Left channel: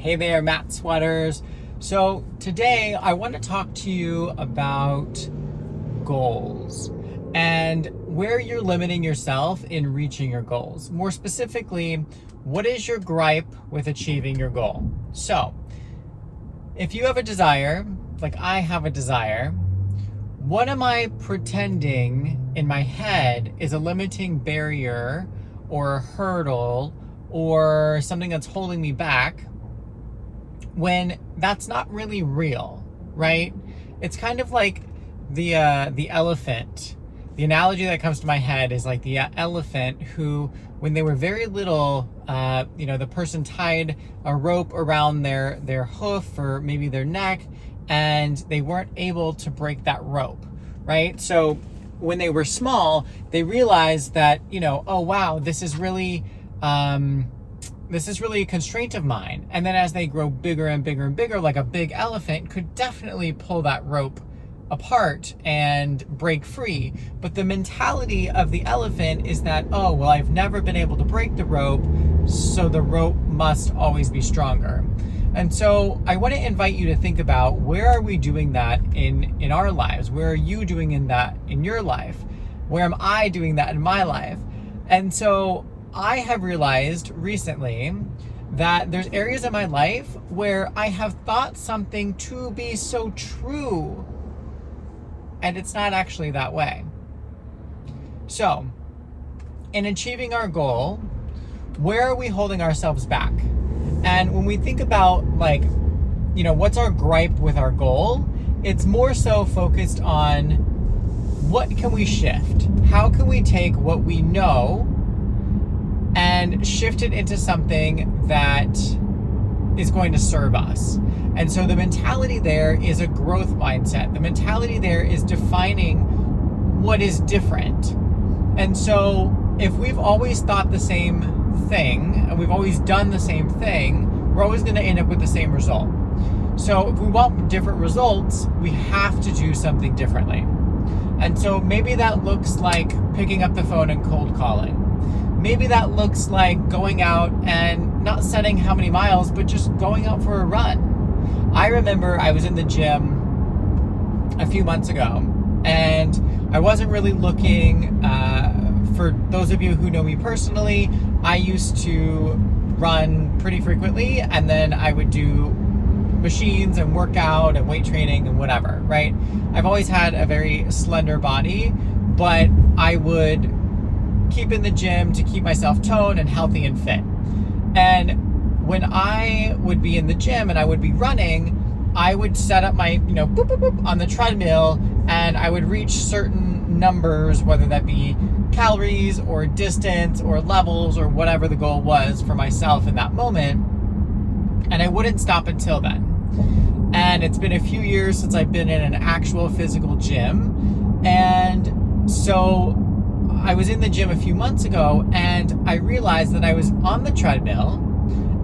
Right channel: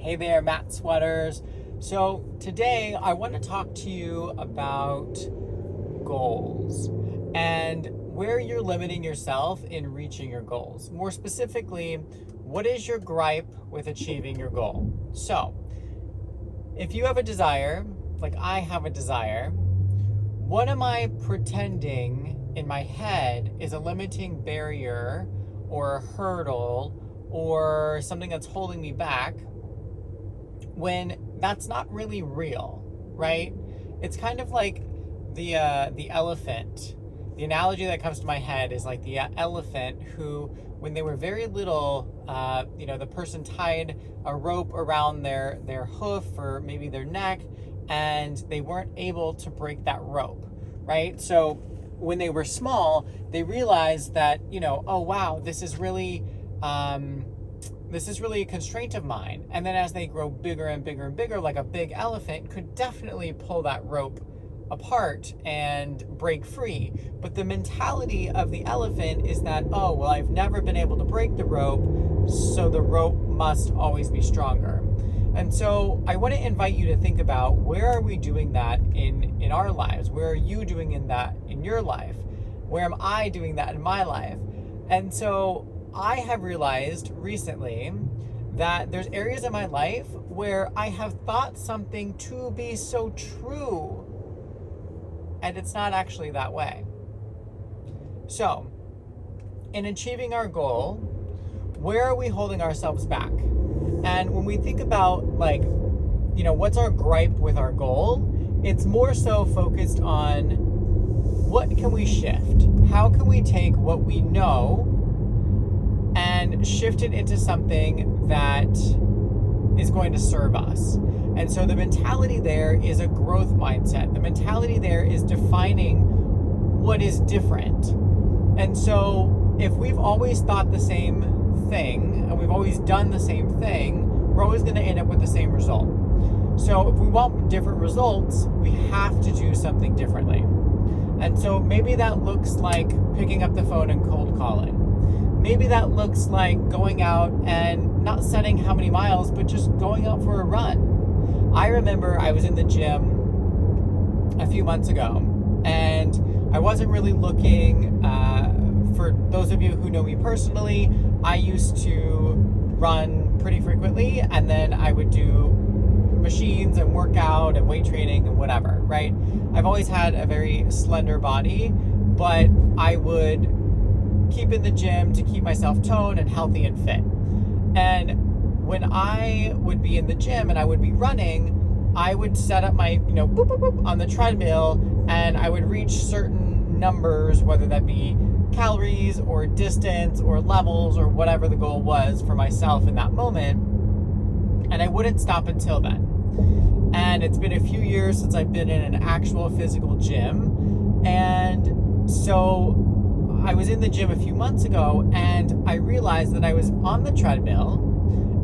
Hey there, Matt Sweaters. So today I want to talk to you about goals and where you're limiting yourself in reaching your goals. More specifically, what is your gripe with achieving your goal? So if you have a desire, like I have a desire, what am I pretending in my head is a limiting barrier or a hurdle or something that's holding me back, when that's not really real, right? It's kind of like the elephant. The analogy that comes to my head is like the elephant who, when they were very little, the person tied a rope around their hoof or maybe their neck, and they weren't able to break that rope, right? So when they were small, they realized that, oh wow, this is really a constraint of mine. And then as they grow bigger and bigger and bigger, like a big elephant could definitely pull that rope apart and break free. But the mentality of the elephant is that, oh, well, I've never been able to break the rope, so the rope must always be stronger. And so I want to invite you to think about, where are we doing that in our lives? Where are you doing that in your life? Where am I doing that in my life? And so I have realized recently that there's areas in my life where I have thought something to be so true, and it's not actually that way. So, in achieving our goal, where are we holding ourselves back? And when we think about, what's our gripe with our goal, it's more so focused on what can we shift? How can we take what we know and shift it into something that is going to serve us? And so the mentality there is a growth mindset. The mentality there is defining what is different. And so if we've always thought the same thing and we've always done the same thing, we're always going to end up with the same result. So if we want different results, we have to do something differently. And so maybe that looks like picking up the phone and cold calling. Maybe that looks like going out and not setting how many miles, but just going out for a run. I remember I was in the gym a few months ago, and I wasn't really looking, for those of you who know me personally, I used to run pretty frequently, and then I would do machines and workout and weight training and whatever, right? I've always had a very slender body, but I would keep in the gym to keep myself toned and healthy and fit. And when I would be in the gym and I would be running, I would set up my, boop, boop, boop, on the treadmill, and I would reach certain numbers, whether that be calories or distance or levels or whatever the goal was for myself in that moment. And I wouldn't stop until then. And it's been a few years since I've been in an actual physical gym. And so I was in the gym a few months ago, and I realized that I was on the treadmill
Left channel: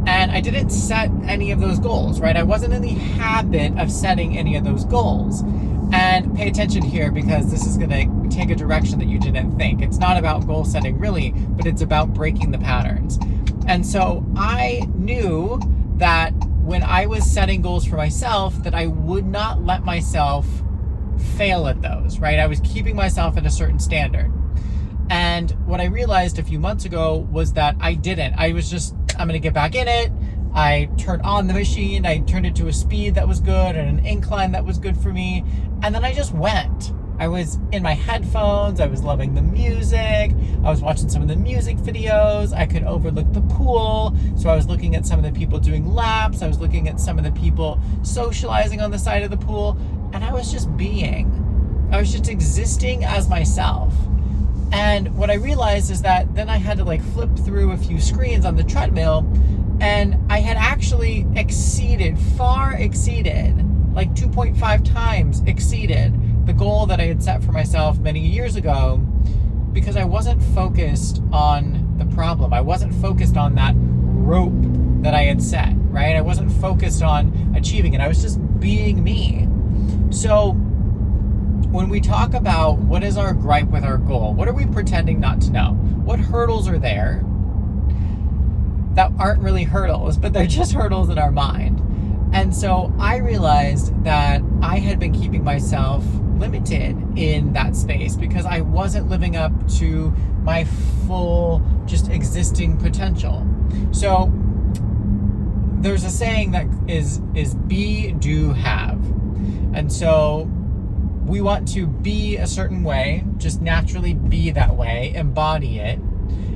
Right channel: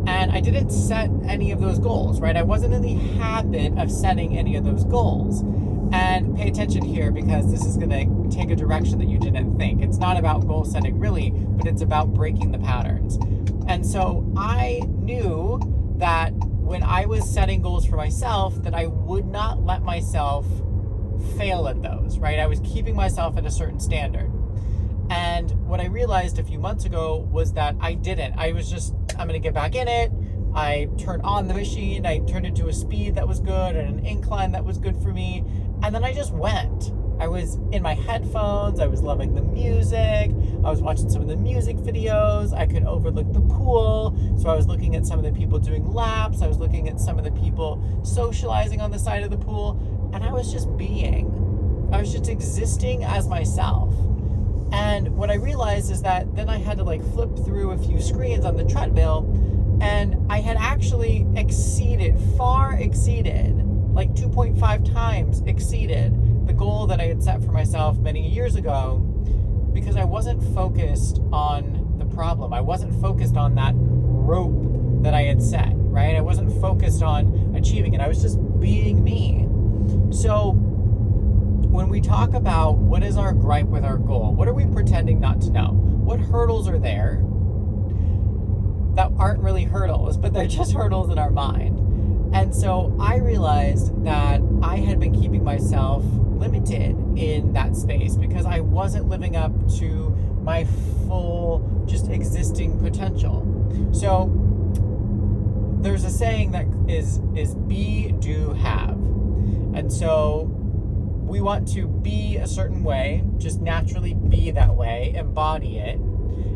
and I didn't set any of those goals, right? I wasn't in the habit of setting any of those goals. And pay attention here, because this is going to take a direction that you didn't think. It's not about goal setting really, but it's about breaking the patterns. And so I knew that when I was setting goals for myself, that I would not let myself fail at those, right? I was keeping myself at a certain standard. And what I realized a few months ago was that I didn't. I was just, I'm going to get back in it. I turned on the machine. I turned it to a speed that was good and an incline that was good for me. And then I just went. I was in my headphones. I was loving the music. I was watching some of the music videos. I could overlook the pool. So I was looking at some of the people doing laps. I was looking at some of the people socializing on the side of the pool. And I was just being. I was just existing as myself. And what I realized is that then I had to flip through a few screens on the treadmill, and I had actually far exceeded, 2.5 times exceeded the goal that I had set for myself many years ago, because I wasn't focused on the problem. I wasn't focused on that rope that I had set, right? I wasn't focused on achieving it. I was just being me. So when we talk about what is our gripe with our goal, what are we pretending not to know? What hurdles are there? that aren't really hurdles, but they're just hurdles in our mind. And so I realized that I had been keeping myself limited in that space because I wasn't living up to my full just existing potential. So there's a saying that is be, do, have. And so we want to be a certain way, just naturally be that way, embody it,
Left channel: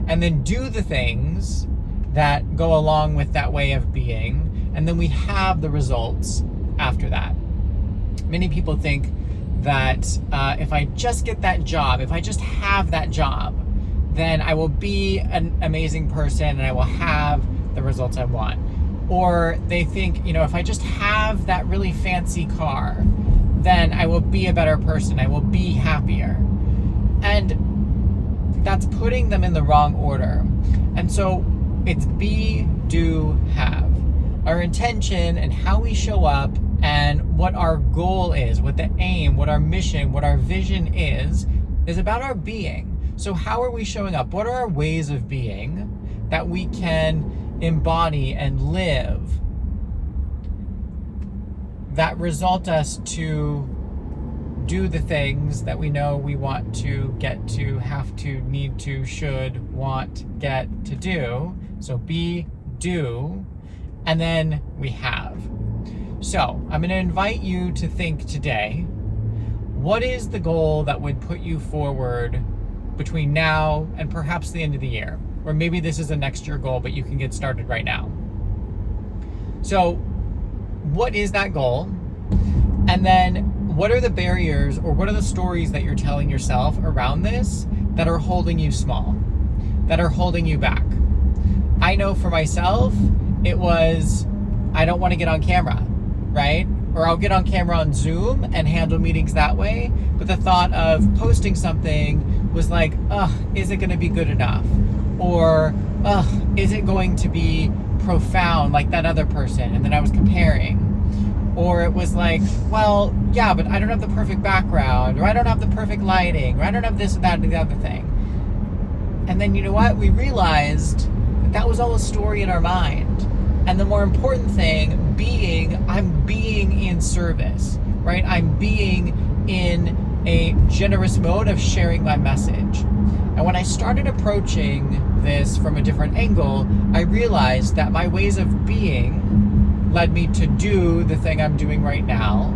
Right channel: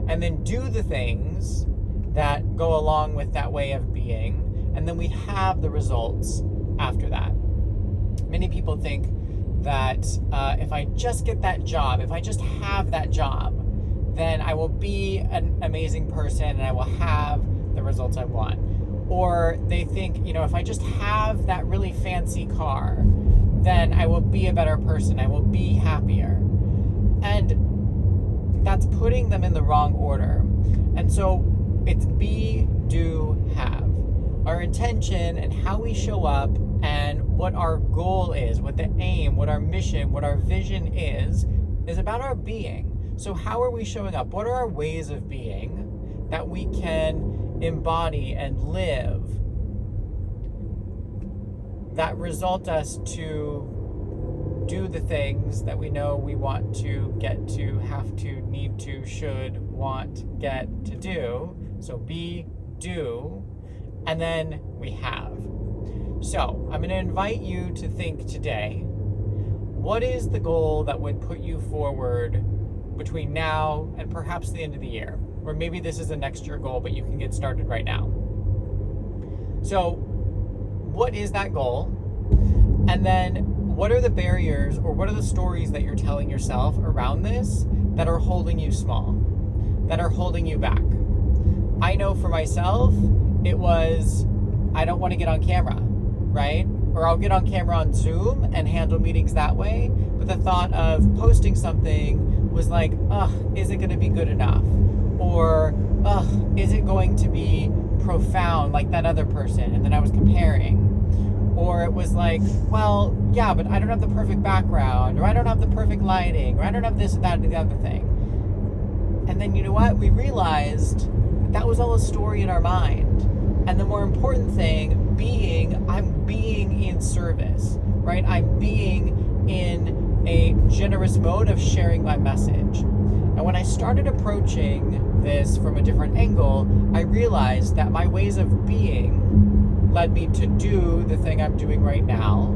and then do the things that go along with that way of being, and then we have the results after that. Many people think that if I just get that job, if I just have that job, then I will be an amazing person and I will have the results I want. Or they think, if I just have that really fancy car, then I will be a better person, I will be happier. And that's putting them in the wrong order. And so it's be, do, have. Our intention and how we show up and what our goal is, what the aim, what our mission, what our vision is about our being. So how are we showing up? What are our ways of being that we can embody and live that result us to do the things that we know we want to, get to, have to, need to, should, want, get to do? So be, do, and then we have. So I'm going to invite you to think today, what is the goal that would put you forward between now and perhaps the end of the year? Or maybe this is a next year goal, but you can get started right now. So what is that goal? And then what are the barriers or what are the stories that you're telling yourself around this that are holding you small, that are holding you back? I know for myself, it was, I don't want to get on camera, right? Or I'll get on camera on Zoom and handle meetings that way. But the thought of posting something was like, is it going to be good enough? Or, is it going to be profound like that other person? And then I was comparing. Or it was like, well, yeah, but I don't have the perfect background, or I don't have the perfect lighting, or I don't have this, that, and the other thing. And then you know what? We realized that was all a story in our mind. And the more important thing I'm being in service, right? I'm being in a generous mode of sharing my message. And when I started approaching this from a different angle, I realized that my ways of being led me to do the thing I'm doing right now.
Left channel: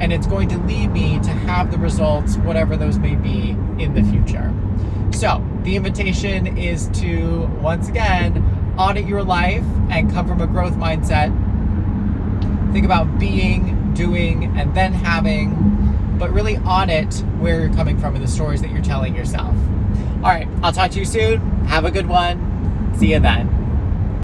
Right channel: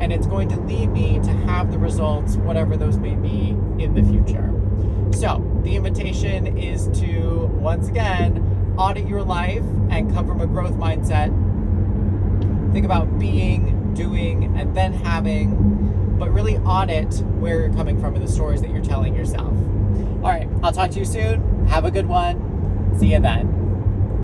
And it's going to lead me to have the results, whatever those may be, in the future. So the invitation is to, once again, audit your life and come from a growth mindset. Think about being, doing, and then having, but really audit where you're coming from and the stories that you're telling yourself. All right, I'll talk to you soon. Have a good one. See you then.